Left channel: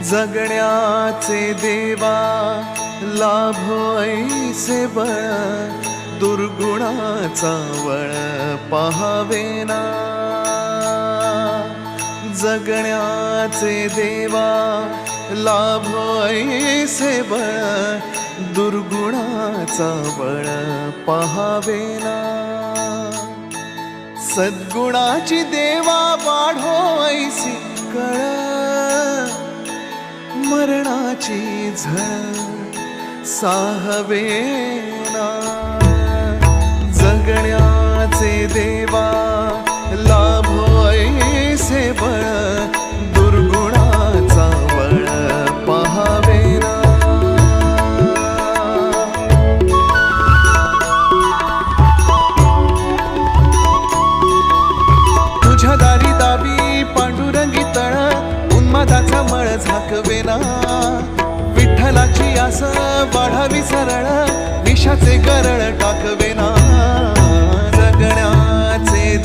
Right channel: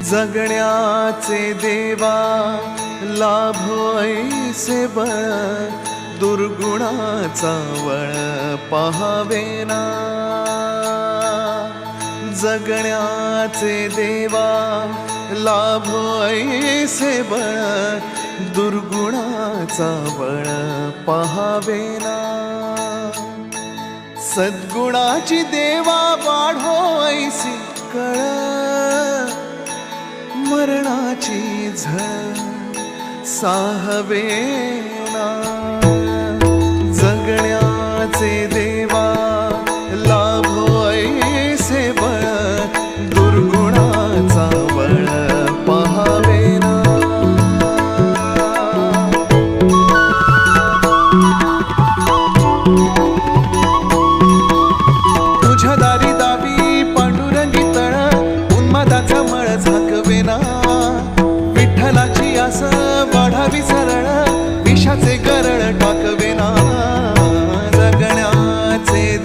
जगण्याचे देवा लाभो ऐसे बळ, दुर्गुणाचा वळ पाहावेना। जगण्याचे देवा लाभो ऐसे बळ, दुर्गुणाचा बळ पाहावेना। सद्गुणाची देवा वाढो ऐसी कळ, मरणाची झळ साहवेना। जगण्याचे देवा लाभो ऐसे बळ, दुर्गुणाचा बळ पाहावेना। तुझ्या दारी दावी पांडुरंगी तळ, उन्मादाचा मळ झाकवेना। विठ्ठलाची आस वाढावी सरळ, विषाचे गरळ टाकवेना। जगण्याचे